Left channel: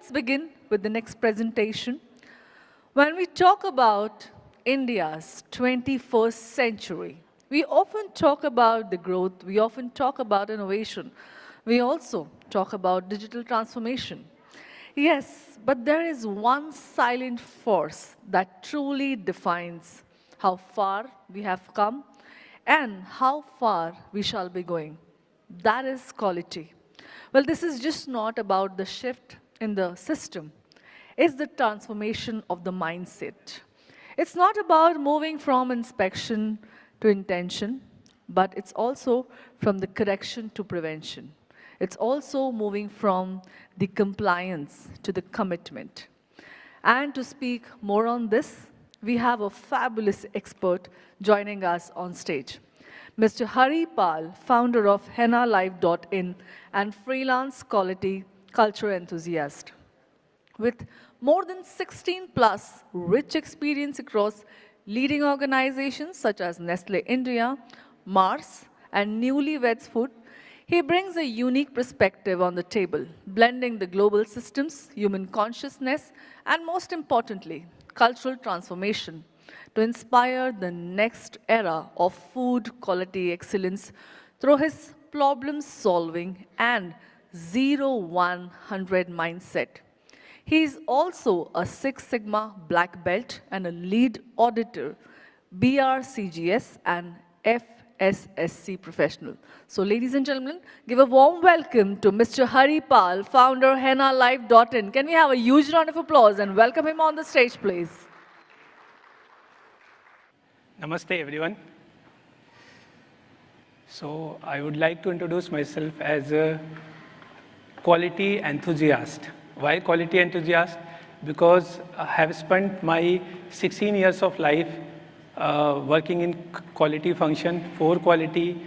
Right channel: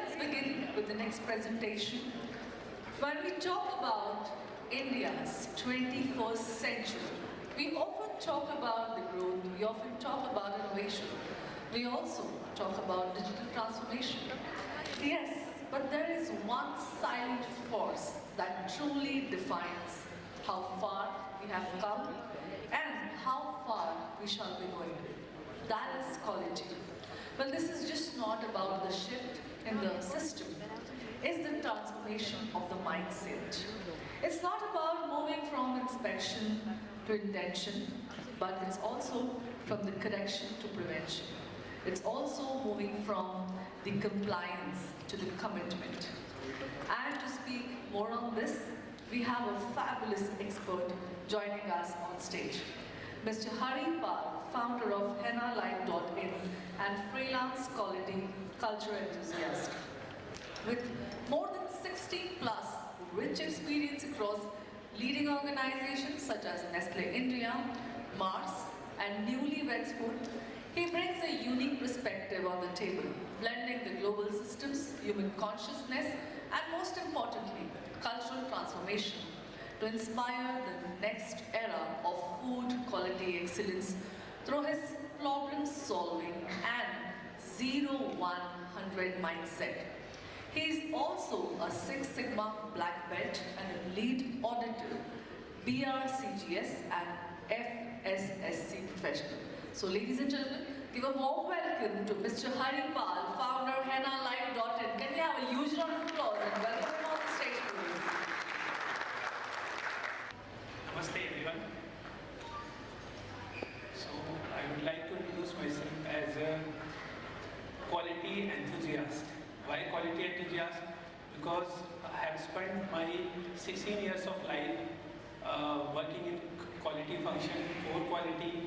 let's begin with the next presentation. When we talk about India's 21st century, we often talk about the growth, we often talk about innovation, we also talk about digital transformation. Yes, but there is one silent force that truly defines how far we have come and how far we shall be going. That is quality. Well, this is just not about the shift in the system, it's the transformation of the mindset. It's not about moving from inspection to intention, but it's also from the correction to prevention. It's also moving from the compliance to the commitment. And to speak more on this, we have a fabulous expert joining us on stage. Mr. Hari Pal, founder of HennaLife.in and Freelance Quality Culture Enthusiast. With more than 16 plus rich experience across leading organizations such as Nestlé India, Mars, and Newly Weds Foods, he brings a unique perspective on the table, blending the global systems, human consciousness, and most importantly, cultural transformation to inspire the next era of food quality excellence through his problem solving and 0-100 mindset. He is also a Six Sigma black belt and a lead auditor, BRCGS and FSSC professional. So ladies and gentlemen, give a warm welcome to Mr. Hari Pal, founder HennaLife.in. Can we have a huge round of applause and welcome him on the stage, please? Namaste everyone. So I would like to introduce myself as a quality enthusiast. Why quality enthusiast? Because I have spent my 16 years of life working in quality function, for quality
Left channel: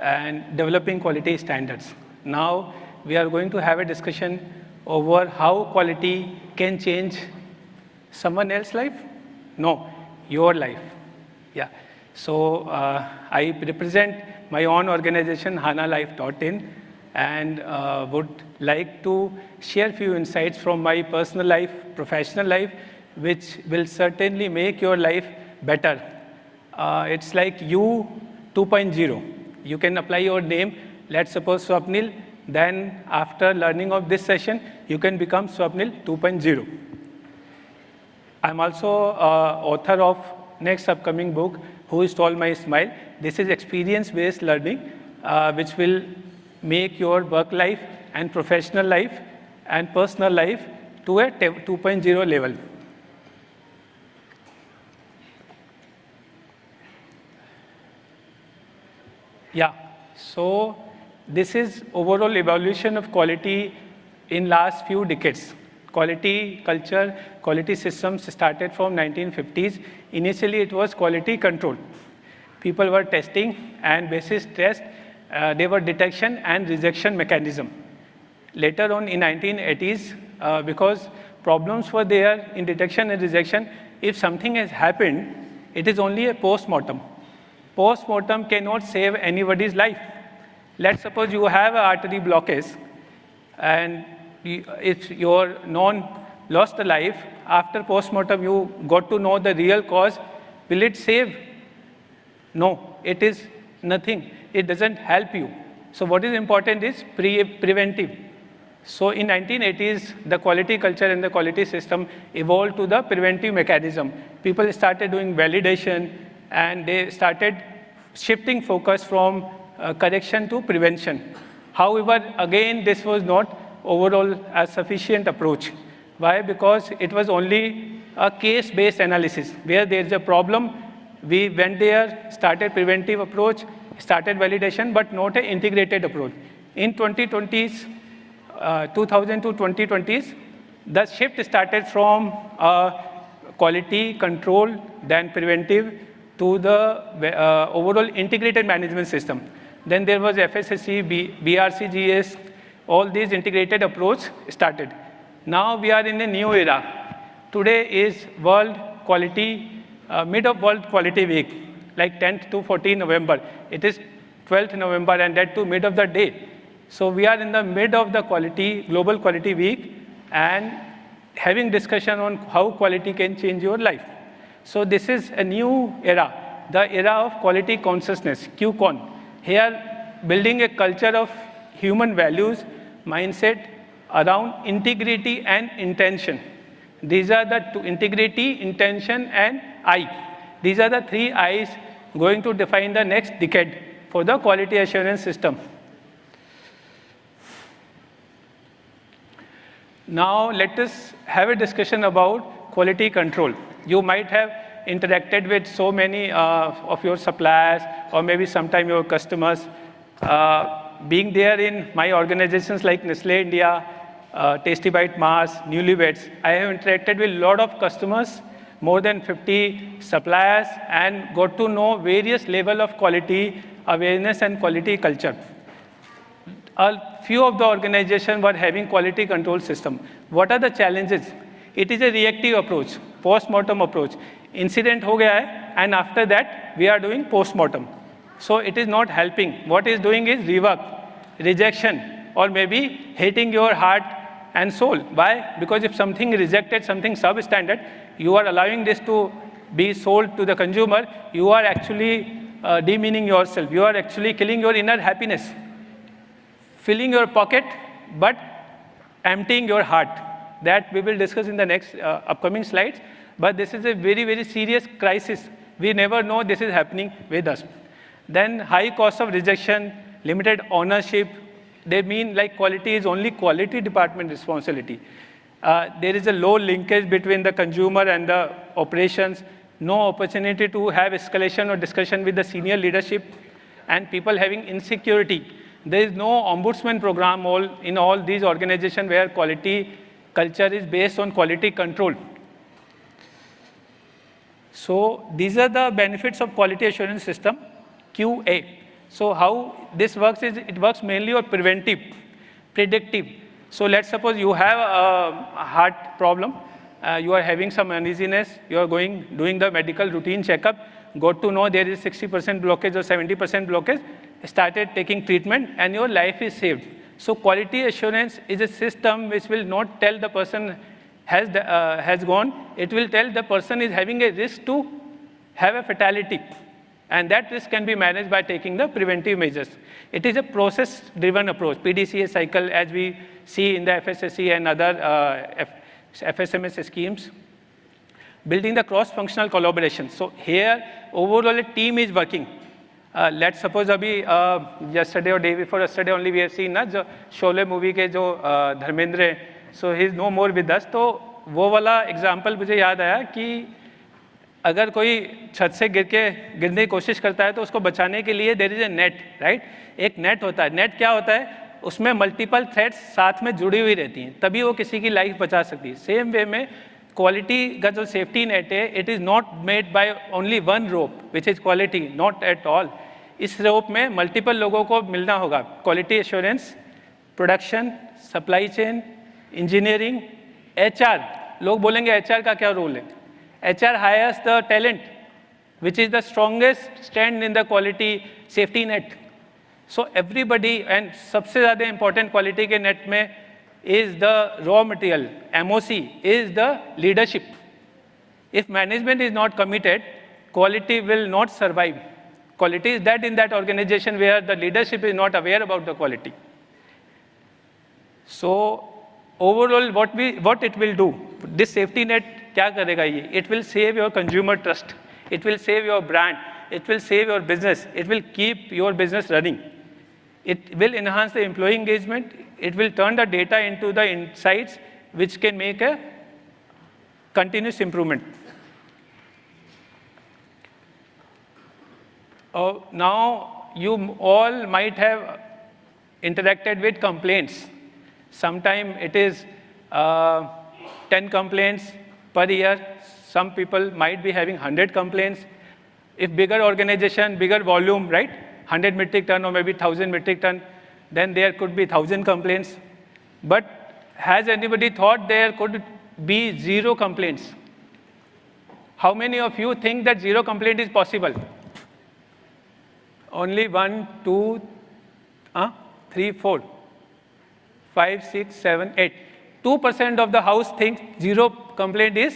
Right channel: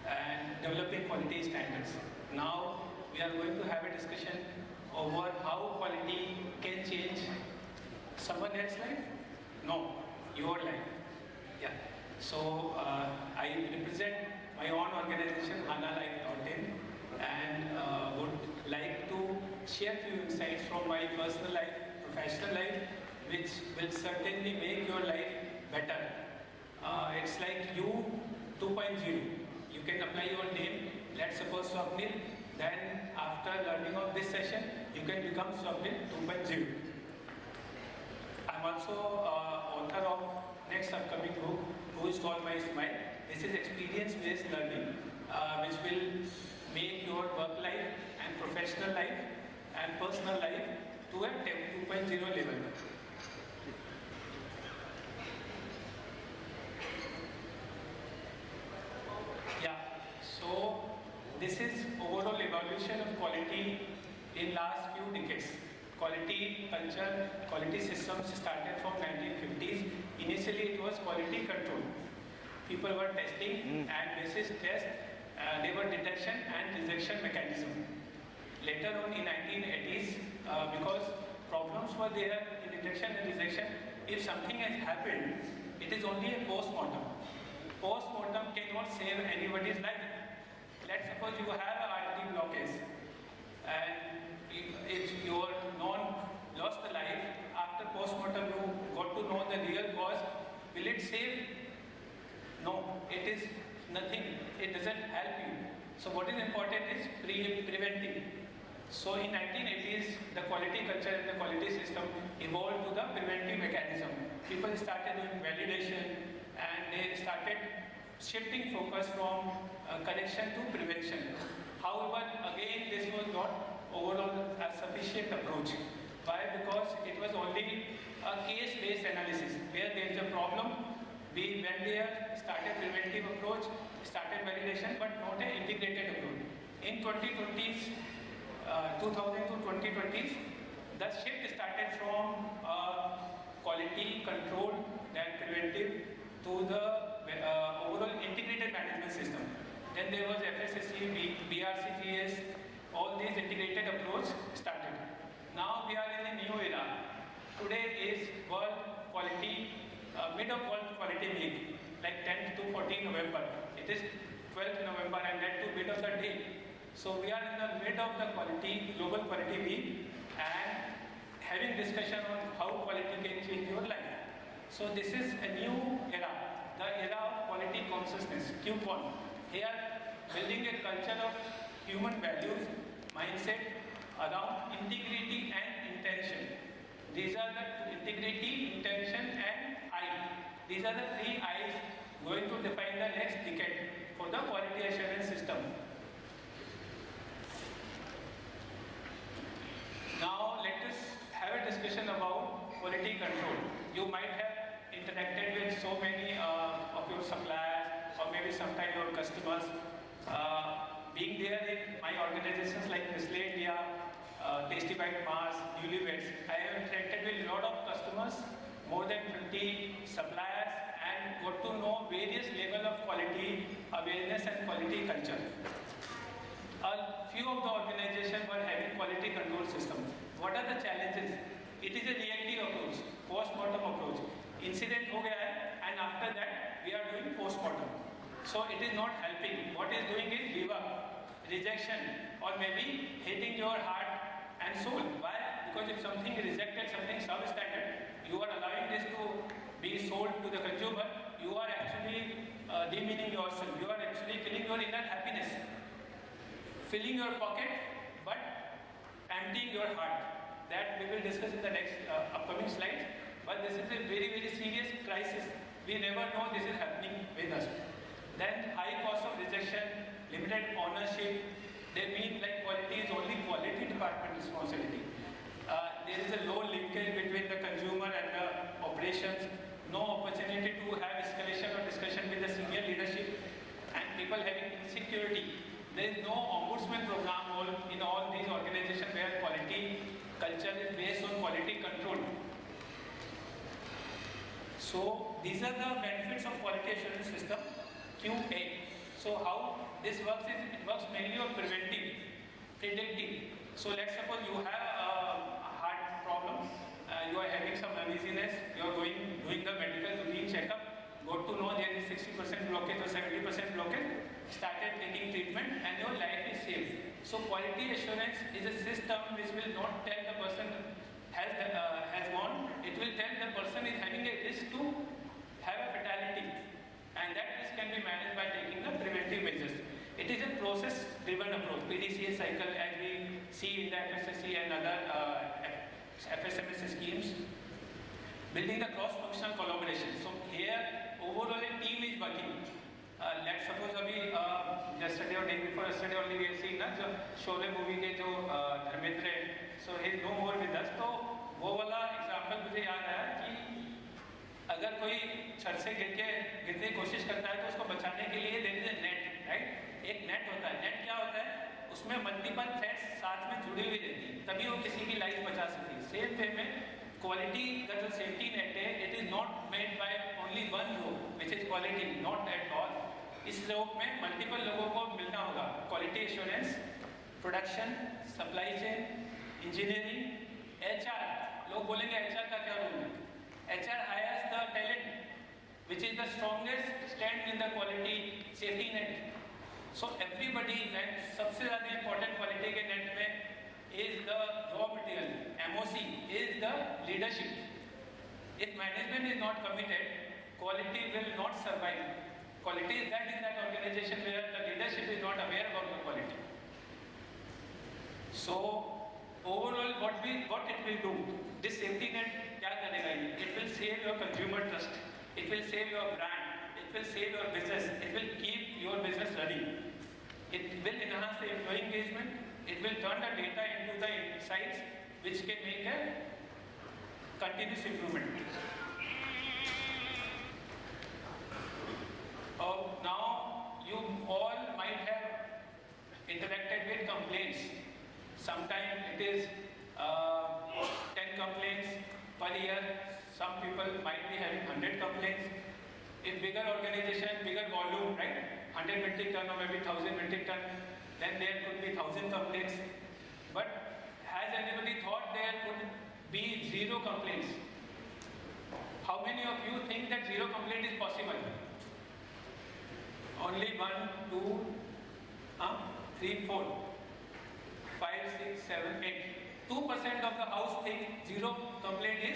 and developing quality standards. Now we are going to have a discussion over how quality can change someone else's life? No, your life. Yeah. So I represent my own organization, HennaLife.in, and would like to share few insights from my personal life, professional life, which will certainly make your life better. It's like you 2.0. You can apply your name, let's suppose Swapnil, then after learning of this session, you can become Swapnil 2.0. I'm also author of next upcoming book, Who Stole My Smile. This is experience-based learning, which will make your work life and professional life and personal life to a 2.0 level. Yeah, so this is overall evolution of quality in last few decades. Quality culture, quality systems started from 1950s. Initially, it was quality control. People were testing, and basis test, they were detection and rejection mechanism. Later on in 1980s, because problems were there in detection and rejection, if something has happened, it is only a post-mortem. Post-mortem cannot save anybody's life. Let's suppose you have an artery blockage, and if your non lost the life, after post-mortem you got to know the real cause, will it save? No, it is nothing. It doesn't help you. So what is important is preventive. So in 1980s, the quality culture and the quality system evolved to the preventive mechanism. People started doing validation, and they started shifting focus from correction to prevention. However, again, this was not overall a sufficient approach. Why? Because it was only a case-based analysis. Where there is a problem, we went there, started preventive approach, started validation, but not an integrated approach. In 2020s, 2000 to 2020s, the shift started from quality control, then preventive, to the overall integrated management system. Then there was FSSC, BRCGS, all these integrated approach started. Now we are in a new era. Today is World Quality, mid of World Quality Week, like 10th to 14th November. It is 12th November, and that to mid of the day. So we are in the mid of the global quality week, and having discussion on how quality can change your life. So this is a new era, the era of quality consciousness, QCon. Here, building a culture of human values, mindset around integrity and intention. These are the two: integrity, intention, and I. These are the three I's going to define the next decade for the quality assurance system. Now let us have a discussion about quality control. You might have interacted with so many of your suppliers or maybe sometime your customers. Being there in my organizations like Nestlé India, Tasty Bite Mars, Newly Weds, I have interacted with a lot of customers, more than 50 suppliers, and got to know various level of quality awareness and quality culture. A few of the organizations were having quality control system. What are the challenges? It is a reactive approach, post-mortem approach. Incident ho gaya hai, and after that, we are doing post-mortem. So it is not helping. What is doing is rework, rejection, or maybe hating your heart and soul. Why? Because if something is rejected, something substandard, you are allowing this to be sold to the consumer, you are actually demeaning yourself. You are actually killing your inner happiness, filling your pocket, but emptying your heart. That we will discuss in the next upcoming slides. But this is a very, very serious crisis. We never know this is happening with us. Then high cost of rejection, limited ownership. They mean like quality is only quality department responsibility. There is a low linkage between the consumer and the operations, no opportunity to have escalation or discussion with the senior leadership, and people having insecurity. There is no ombudsman program in all these organizations where quality culture is based on quality control. So these are the benefits of quality assurance system, QA. So how this works is, it works mainly on preventive, predictive. So let's suppose you have a heart problem, you are having some uneasiness, you are doing the medical routine checkup, got to know there is 60% blockage or 70% blockage, started taking treatment, and your life is saved. So quality assurance is a system which will not tell the person has gone, it will tell the person is having a risk to have a fatality. And that risk can be managed by taking the preventive measures. It is a process-driven approach, PDCA cycle, as we see in the FSSC and other FSMS schemes. Building the cross-functional collaboration. So here, overall, a team is working. Let's suppose yesterday or day before yesterday only we have seen the Sholay movie के जो Dharmendra, so he is no more with us. तो वो वाला example मुझे याद आया कि अगर कोई छत से गिरने की कोशिश करता है तो उसको बचाने के लिए there is a net, right? एक net होता है. Net क्या होता है? उसमें multiple threads साथ में जुड़ी हुई रहती हैं, तभी वो किसी की life बचा सकती है. Same way में क्वालिटी का जो सेफ्टी नेट है, it is not made by only one rope which is quality, not at all. इस रोप में मल्टीपल लोगों को मिलना होगा. Quality assurance, production, supply chain, engineering, HR. लोग बोलेंगे HR का क्या रोल है? HR hires the talent which is the strongest stand in the quality safety net. So everybody, and सबसे ज़्यादा इंपॉर्टेंट क्वालिटी के नेट में is the raw material, MOC is the leadership. If management is not committed, quality will not survive. Quality is dead in that organization where the leadership is not aware about the quality. So overall, what it will do, this safety net क्या करेगा ये? It will save your consumer trust, it will save your brand, it will save your business, it will keep your business running. It will enhance the employee engagement. It will turn the data into the insights which can make a continuous improvement. Now, you all might have interacted with complaints. Sometimes it is 10 complaints per year. Some people might be having 100 complaints. If bigger organization, bigger volume, right? 100 metric ton or maybe 1000 metric ton, then there could be 1000 complaints. But has anybody thought there could be 0 complaints? How many of you think that 0 complaint is possible? Only 1, 2, 3, 4, 5, 6, 7, 8. 2% of the house think zero complaint is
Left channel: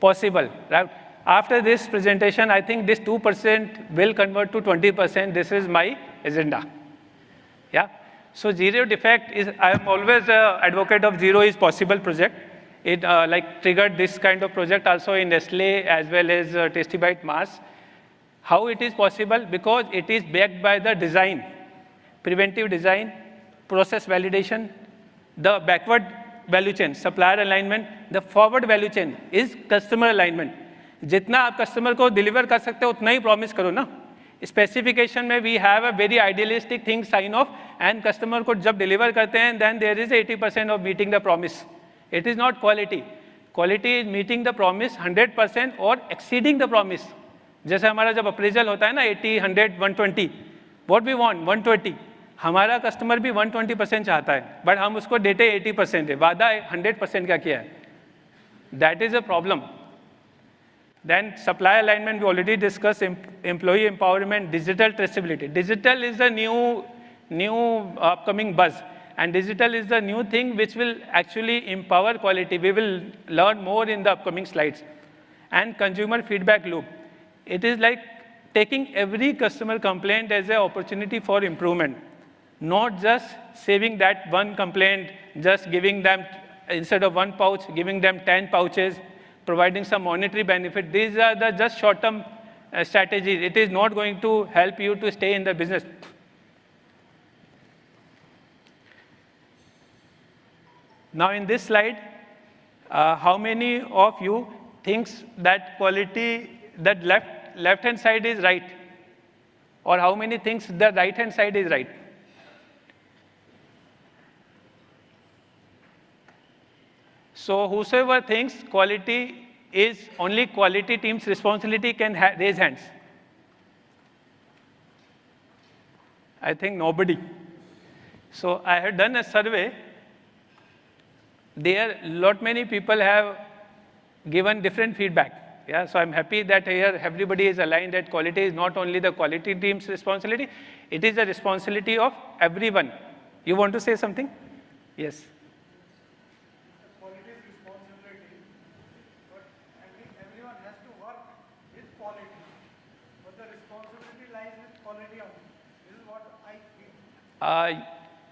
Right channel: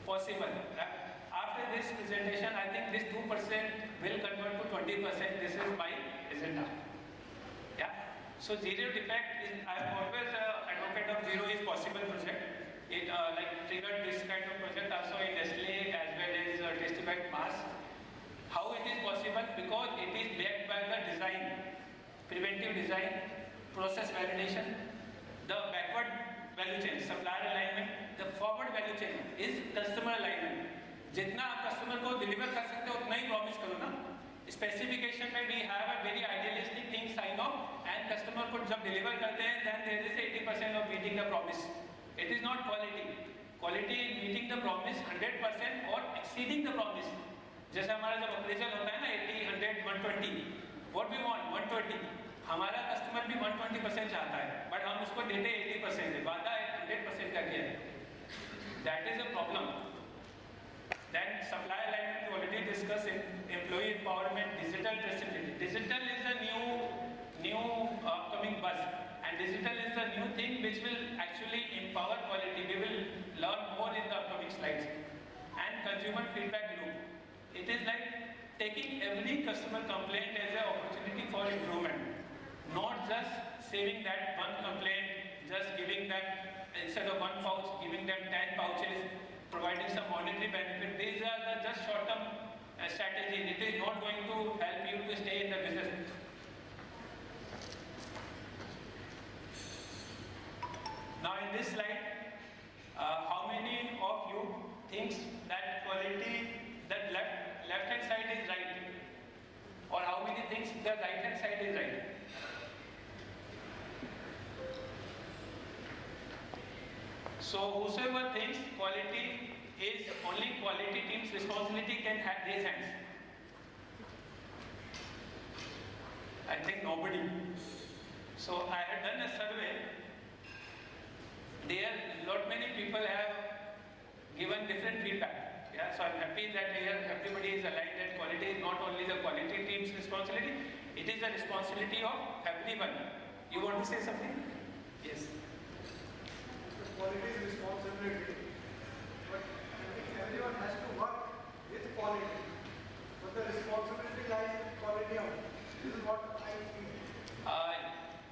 possible, right? After this presentation, I think this 2% will convert to 20%. This is my agenda. Yeah. So zero defect is, I am always an advocate of zero is possible project. It like triggered this kind of project also in Nestlé as well as Tasty Bite Mars. How it is possible? Because it is backed by the design, preventive design, process validation, the backward value chain, supplier alignment, the forward value chain is customer alignment. जितना आप customer को deliver कर सकते हो उतना ही promise करो ना. Specification में we have a very idealistic thing sign off and customer को जब डिलीवर करते हैं then there is 80% of meeting the promise. It is not quality. Quality is meeting the promise 100% और एक्सीडिंग द प्रॉमिस. जैसे हमारा जब appraisal होता है ना 80, 100, 120, व्हाट वी वांट 120. हमारा कस्टमर भी 120% चाहता है बट हम उसको देते 80% है. वादा 100% का किया है. That is a problem. Then supply alignment we already discussed, employee empowerment, digital traceability. Digital is the new upcoming buzz, and digital is the new thing which will actually empower quality. We will learn more in the upcoming slides. And consumer feedback loop. It is like taking every customer complaint as an opportunity for improvement, not just saving that one complaint, just giving them, instead of one pouch, giving them 10 pouches, providing some monetary benefit. These are the just short-term strategies. It is not going to help you to stay in the business. Now in this slide, how many of you thinks that quality, that left-hand side is right? Or how many thinks the right-hand side is right? So whosoever thinks quality is only quality team's responsibility can raise hands. I think nobody. So I had done a survey. There lot many people have given different feedback. Yeah, so I'm happy that here everybody is aligned that quality is not only the quality team's responsibility, it is the responsibility of everyone. You want to say something? Yes.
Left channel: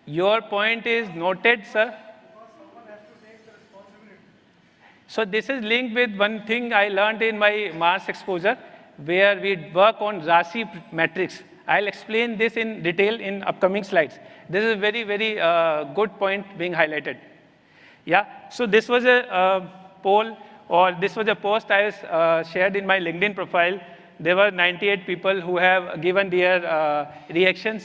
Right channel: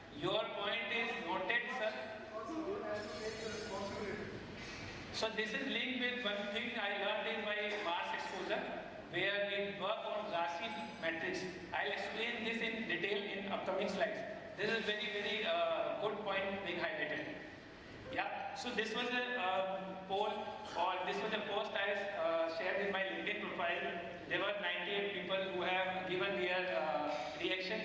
Your point is noted, sir. So this is linked with one thing I learned in my Mars exposure, where we work on RASI matrix. I'll explain this in detail in upcoming slides. This is very, very good point being highlighted. Yeah, so this was a poll, or this was a post I shared in my LinkedIn profile. There were 98 people who have given their reactions,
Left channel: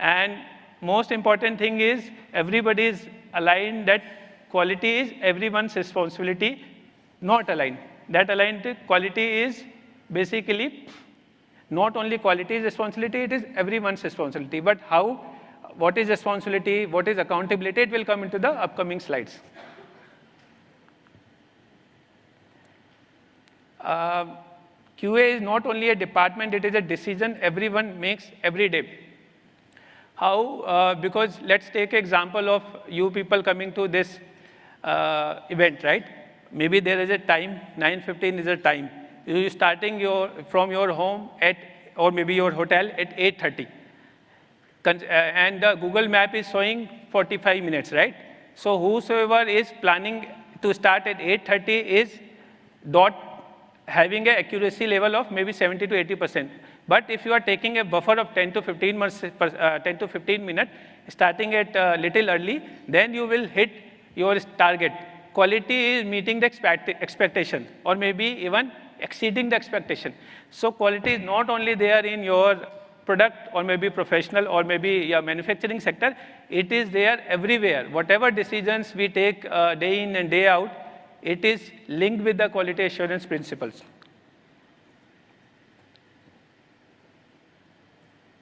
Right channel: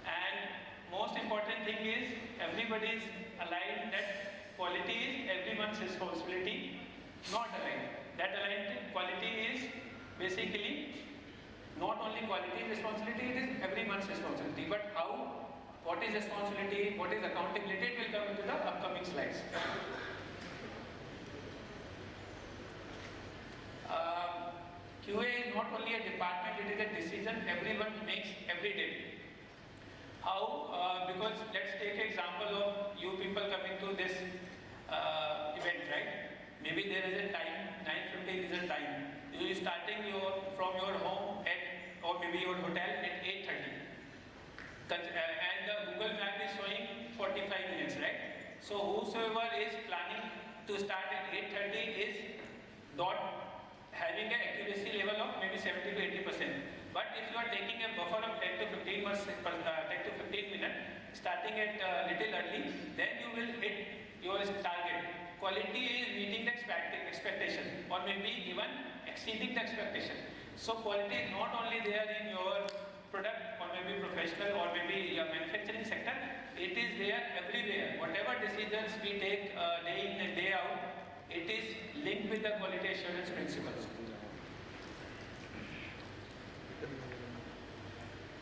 and most important thing is everybody is aligned that quality is everyone's responsibility, not aligned. That aligned quality is basically not only quality responsibility, it is everyone's responsibility. But how, what is responsibility, what is accountability, it will come into the upcoming slides. QA is not only a department, it is a decision everyone makes every day. How, because let's take an example of you people coming to this event, right? Maybe there is a time, 9:15 is a time. You're starting from your home at, or maybe your hotel at 8:30. And the Google map is showing 45 minutes, right? So whosoever is planning to start at 8:30 is having an accuracy level of maybe 70 to 80%. But if you are taking a buffer of 10 to 15 minutes, starting at little early, then you will hit your target. Quality is meeting the expectation, or maybe even exceeding the expectation. So quality is not only there in your product, or maybe professional, or maybe your manufacturing sector, it is there everywhere. Whatever decisions we take day in and day out, it is linked with the quality assurance principles.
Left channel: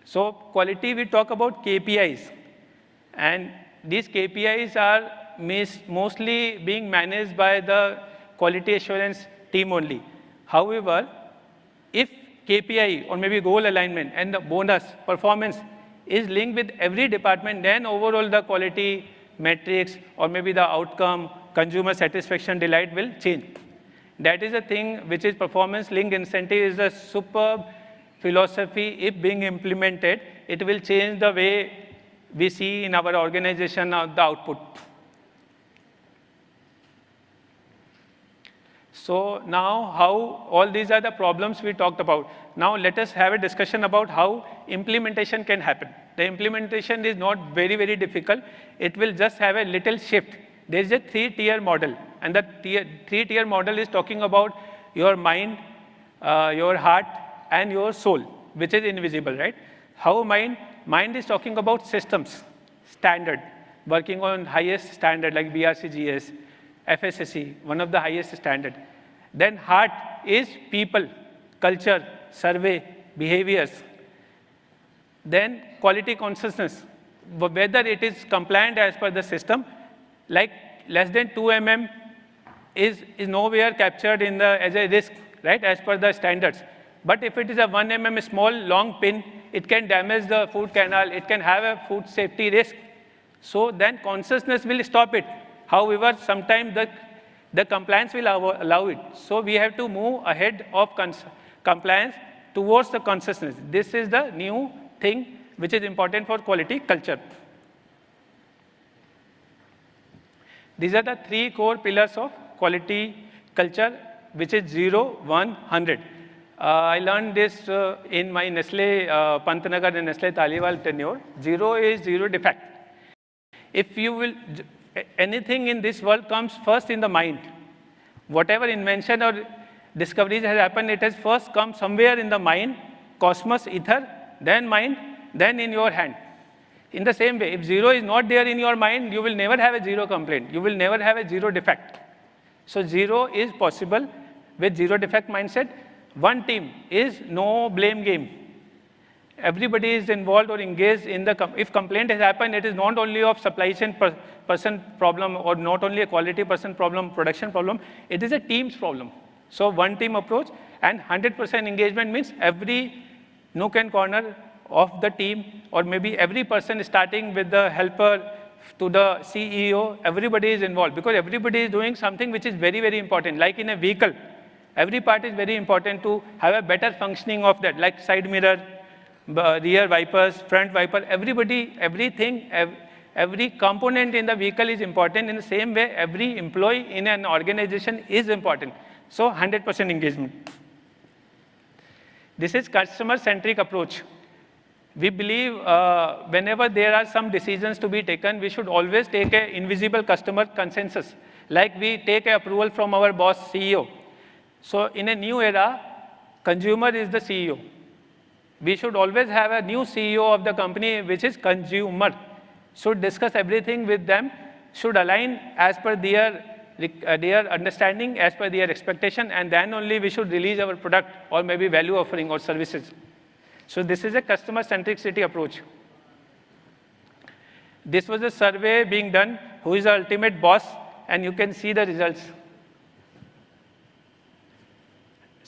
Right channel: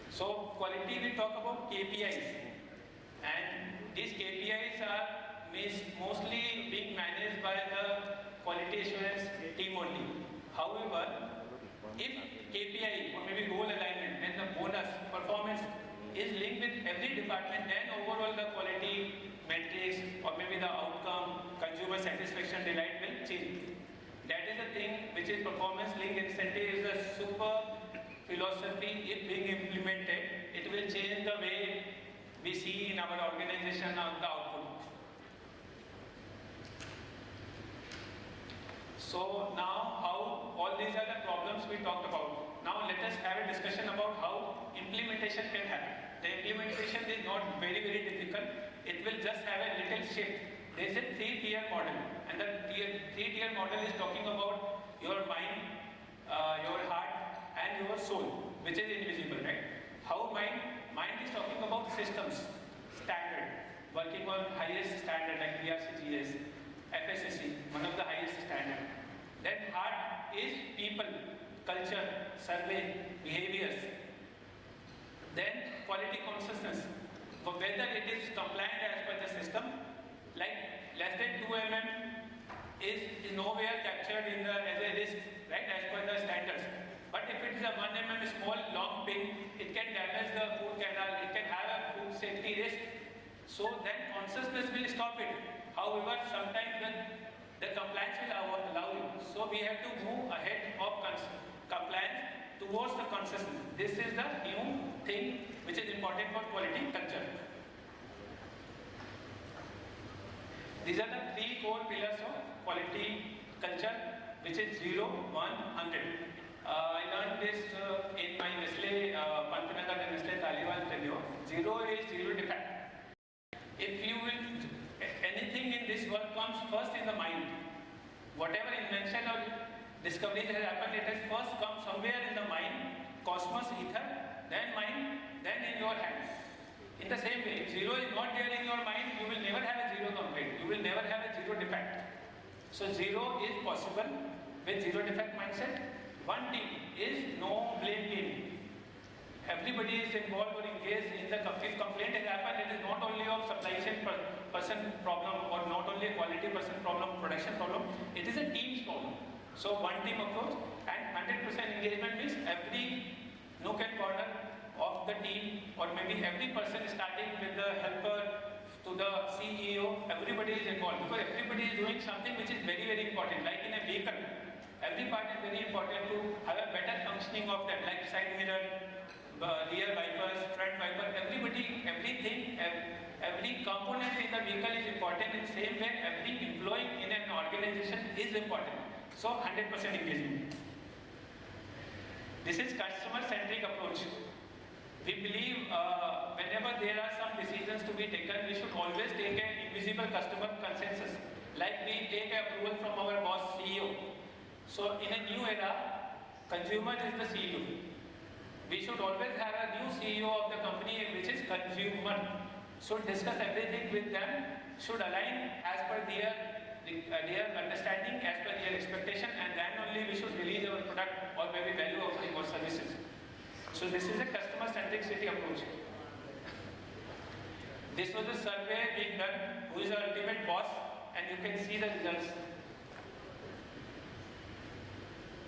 So quality, we talk about KPIs, and these KPIs are mostly being managed by the quality assurance team only. However, if KPI or maybe goal alignment and the bonus performance is linked with every department, then overall the quality metrics, or maybe the outcome, consumer satisfaction, delight will change. That is a thing which is performance linked incentive is a superb philosophy. If being implemented, it will change the way we see in our organization of the output. So now how all these are the problems we talked about. Now let us have a discussion about how implementation can happen. The implementation is not very, very difficult. It will just have a little shift. There is a 3-tier model, and the 3-tier model is talking about your mind, your heart, and your soul, which is invisible, right? How mind? Mind is talking about systems, standard, working on highest standard like BRCGS, FSSC, one of the highest standard. Then heart is people, culture, survey, behaviors. Then quality consciousness, whether it is compliant as per the system, like less than 2 mm is nowhere captured in the as a risk, right, as per the standards. But if it is a 1 mm small long pin, it can damage the food canal, it can have a food safety risk. So then consciousness will stop it. However, sometimes the compliance will allow it. So we have to move ahead of compliance towards the consciousness. This is the new thing which is important for quality culture. These are the 3 core pillars of quality culture, which is 0, 1, 100. I learned this in my Nestlé Pantnagar and Nestlé Taliwal tenure. 0 is 0 defect. If you will, anything in this world comes first in the mind. Whatever invention or discoveries has happened, it has first come somewhere in the mind, cosmos, ether, then mind, then in your hand. In the same way, if 0 is not there in your mind, you will never have a 0 complaint. You will never have a 0 defect. So 0 is possible with 0 defect mindset. One team is no blame game. Everybody is involved or engaged in the, if complaint has happened, it is not only of supply chain person problem or not only a quality person problem, production problem, it is a team's problem. So one team approach and 100% engagement means every nook and corner of the team, or maybe every person starting with the helper to the CEO, everybody is involved because everybody is doing something which is very, very important. Like in a vehicle, every part is very important to have a better functioning of that, like side mirror, rear wipers, front wiper, everybody, everything, every component in the vehicle is important. In the same way, every employee in an organization is important. So 100% engagement. This is customer-centric approach. We believe whenever there are some decisions to be taken, we should always take an invisible customer consensus. Like we take an approval from our boss, CEO. So in a new era, consumer is the CEO. We should always have a new CEO of the company, which is consumer. Should discuss everything with them, should align as per their understanding, as per their expectation, and then only we should release our product or maybe value offering or services. So this is a customer centricity approach. This was a survey being done, who is the ultimate boss, and you can see the results.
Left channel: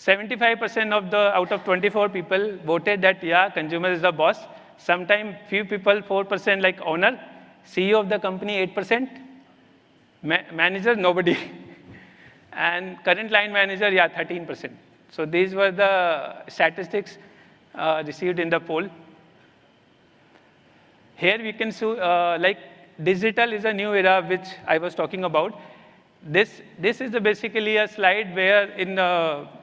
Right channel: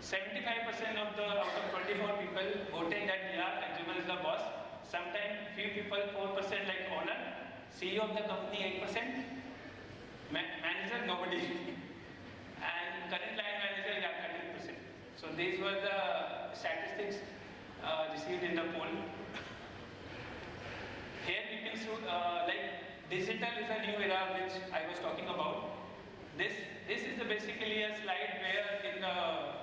75% of the out of 24 people voted that yeah, consumer is the boss. Sometimes few people, 4% like owner, CEO of the company 8%, manager nobody, and current line manager, yeah, 13%. So these were the statistics received in the poll. Here we can see like digital is a new era which I was talking about. This is basically a slide where in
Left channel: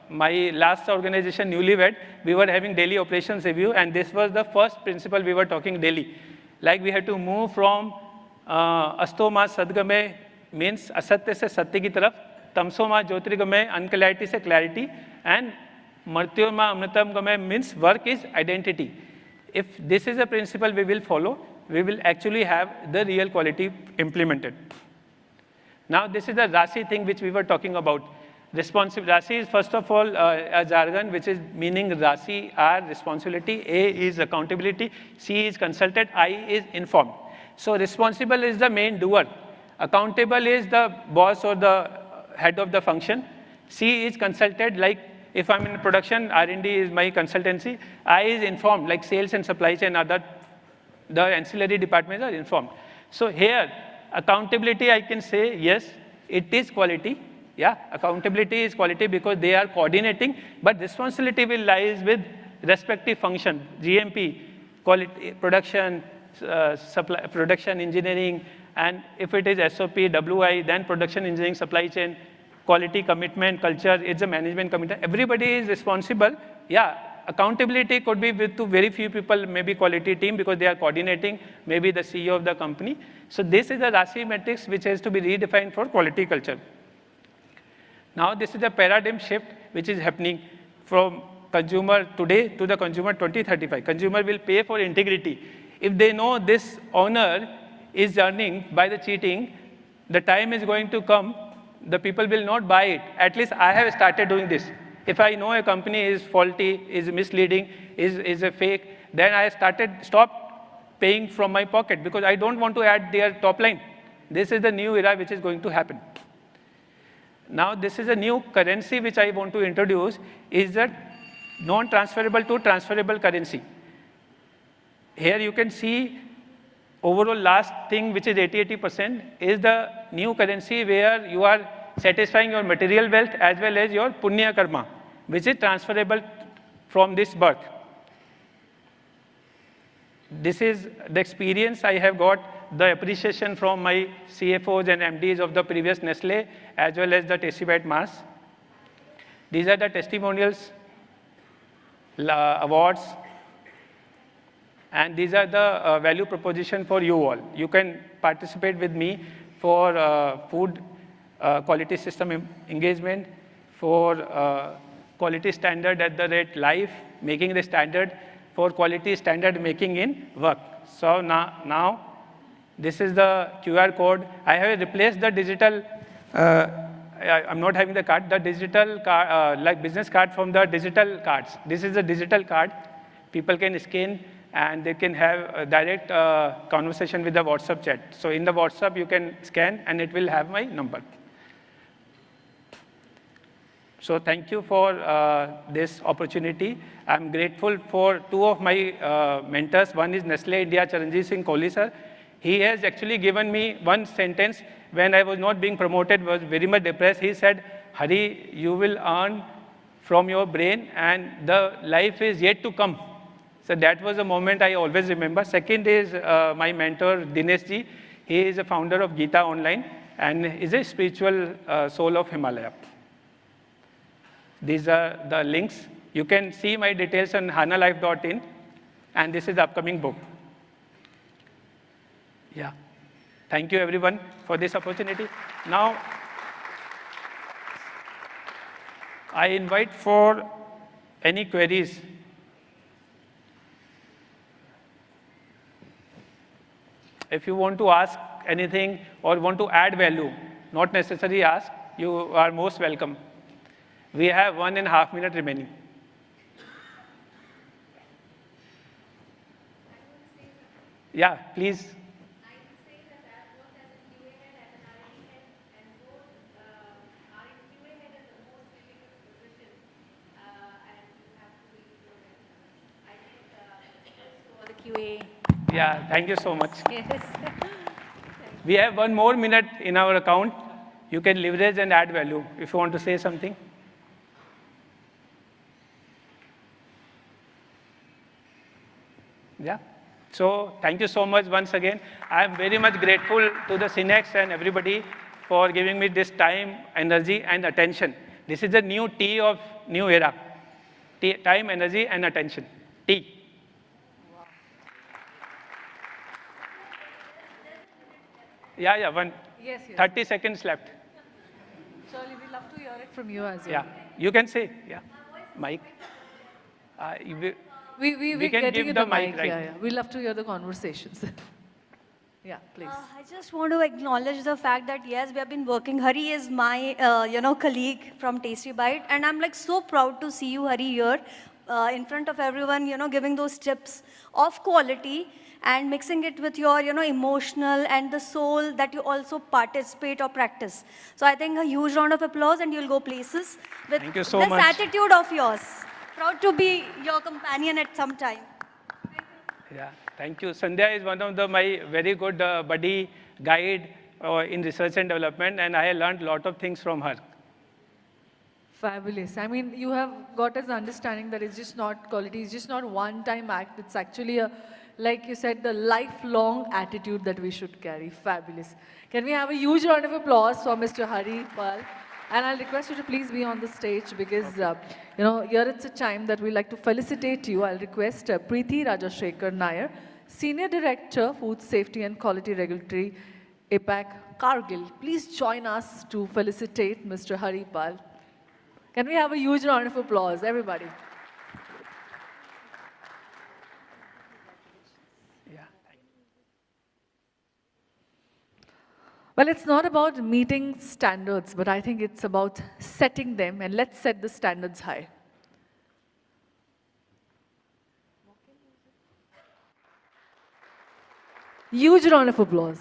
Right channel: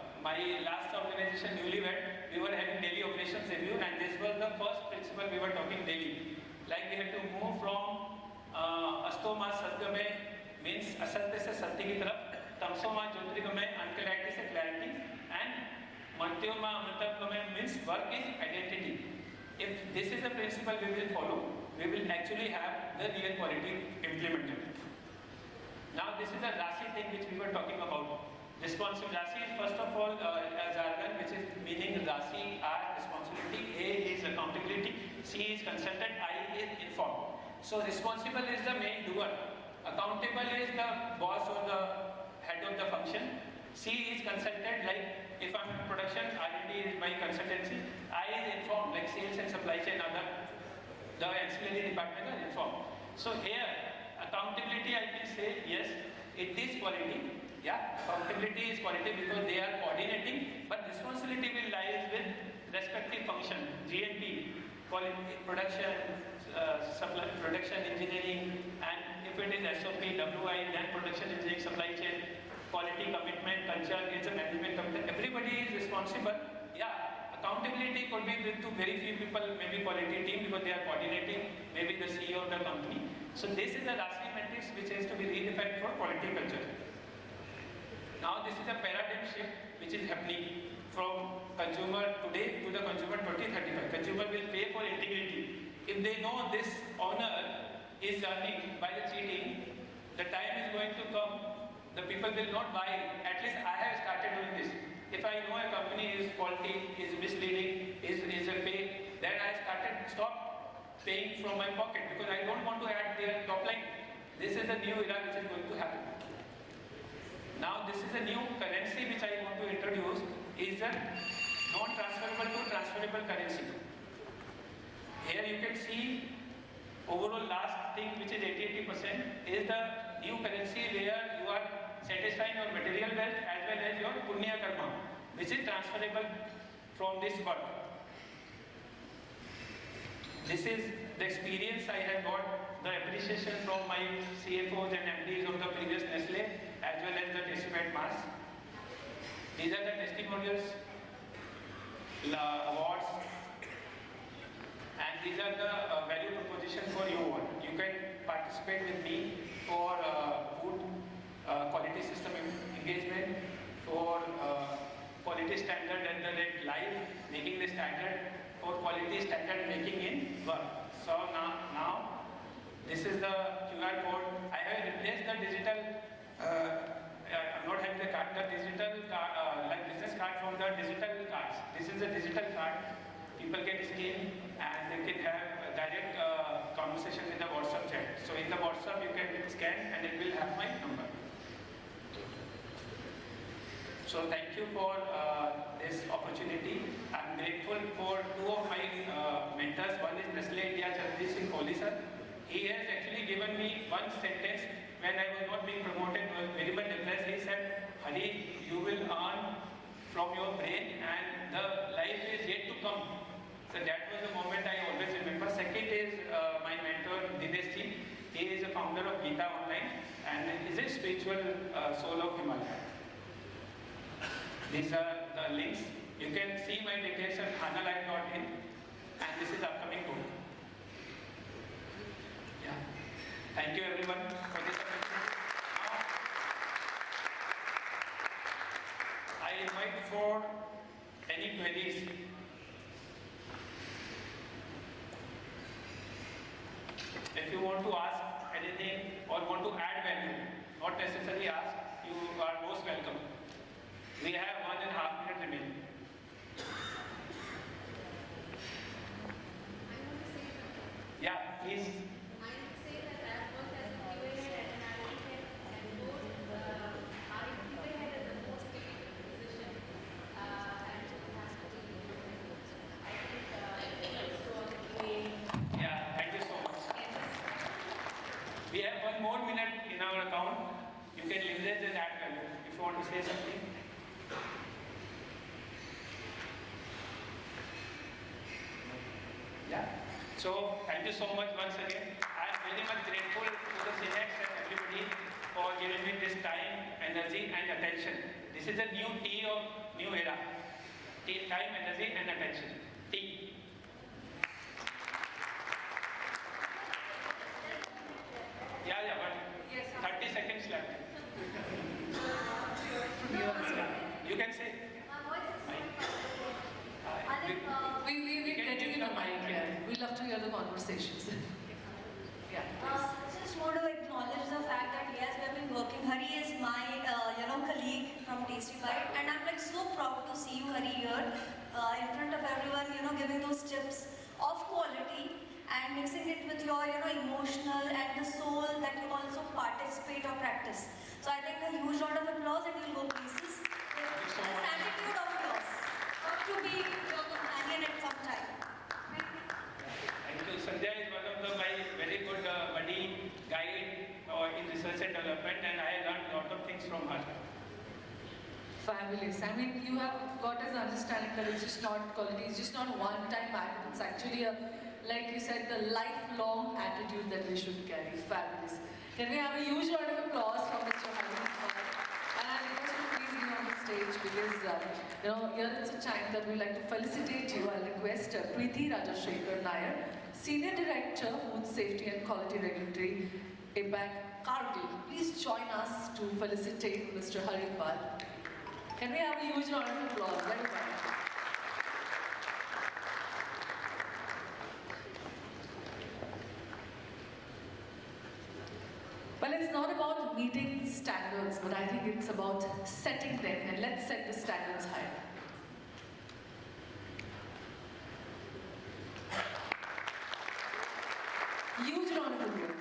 my last organization, Newly Wed, we were having daily operations review, and this was the first principle we were talking daily. Like we had to move from astoma sadgame means asatya se satya ki taraf, tamsoma jyotirgame unclarity se clarity, and martyoma amritam game means work is identity. If this is a principle we will follow, we will actually have the real quality implemented. Now this is the RASI thing which we were talking about. RASI is first of all a jargon which is meaning RASI, R responsibility, A is accountability, C is consulted, I is informed. So responsible is the main doer, accountable is the boss or the head of the function, C is consulted, like if I'm in production, R&D is my consultancy, I is informed, like sales and supply chain, other the ancillary departments are informed. So here Accountability, I can say, yes, it is quality. Yeah, accountability is quality because they are coordinating, but responsibility will lies with respective function, GMP, quality, production, supply, production engineering, and if it is SOP, WI, then production engineering, supply chain, quality commitment, culture, it's a management commitment. Everybody is responsible. Yeah, accountability could be with to very few people, maybe quality team because they are coordinating, maybe the CEO of the company. So this is the RASI metrics which has to be redefined for quality culture. Now this is a paradigm shift which is happening from consumer today to the consumer 2035. Consumer will pay for integrity. If they know this owner is earning by the cheating, the time is going to come, the people will not buy it. At least I have started doing this. If I know a company is faulty, is misleading, is a fake, then I stop paying from my pocket because I don't want to add their top line. This is the new era which is going to happen. Now this is a new currency which I want to introduce, is that non-transferable to transferable currency. Here you can see overall last thing which is 80% is the new currency where you are satisfying your material wealth as well as your punya karma, which is transferable from this birth. This is the experience I have got, the appreciation from my CFOs and MDs of the previous Nestlé as well as the Tasty Bite Mars. These are the testimonials, awards, and these are the value proposition for you all. You can participate with me for food quality system engagement, for quality standard at the rate life, making the standard, for quality standard making in work. So now this is the QR code. I have replaced the digital, I'm not having the card, the digital card, like business card from the digital cards. This is a digital card. People can scan and they can have a direct conversation with the WhatsApp chat. So in the WhatsApp you can scan and it will have my number. So thank you for this opportunity. I'm grateful for two of my mentors. One is Nestlé India, Charanjit Singh Kohli sir. He has actually given me one sentence when I was not being promoted, was very much depressed. He said, Hari, you will earn from your brain and the life is yet to come. So that was a moment I always remember. Second is my mentor, Dinesh ji. He is a founder of Gita Online and is a spiritual soul of Himalaya. These are the links. You can see my details on hanalife.in, and this is the upcoming book. Yeah. Thank you everyone for this opportunity. Now, I invite for any queries. If you want to ask anything or want to add value, not necessarily ask, you are most welcome. We have 1.5 minutes remaining. Yeah, please. Yeah, thank you so much. Yes. We have 1 more minute in our account. You can leverage and add value if you want to say something. Yeah. So thank you so much once again. I am very much grateful to the Cinex and everybody for giving me this time, energy, and attention. This is the new T of new era. Time, energy, and attention. T. Yeah, one. Yes, 30 seconds left. from you as well. Yeah, you can say. Yeah, Mike. We can getting give you the the mic, mic. right? Yeah. We love to hear the conversations. Yeah, please. I just want to acknowledge the fact that yes, we have been working. Hari is my, colleague from Tasty Bite, and I'm like so proud to see you, Hari, here in front of everyone. Giving those tips of quality and mixing it with your, emotional and the soul that you also participate or practice. So I think a huge round of applause, and you'll go places with Thank you so this much. attitude of yours. Proud to be your companion at some time. Yeah, thank you. Sandhya is one of my very good buddy, guide, in research and development, and I learned a lot of things from her. Fabulous. I mean, you have got us understanding that it's just not quality, it's just not one-time act. It's actually a, like you said, the lifelong attitude that we should carry. Fabulous. Can we have a huge round of applause for Mr. Hari Pal? And I'll request you to please be on the stage because, here it's a time that we like to felicitate you. I'll request Preeti Rajashekar Nair, Senior Director, Food Safety and Quality Regulatory, APAC, Kargil. Please join us to felicitate Mr. Hari Pal. Can we have a huge round of applause, everybody? Well, it's not about meeting standards, but I think it's about setting them, and let's set the standards high. Huge round of applause.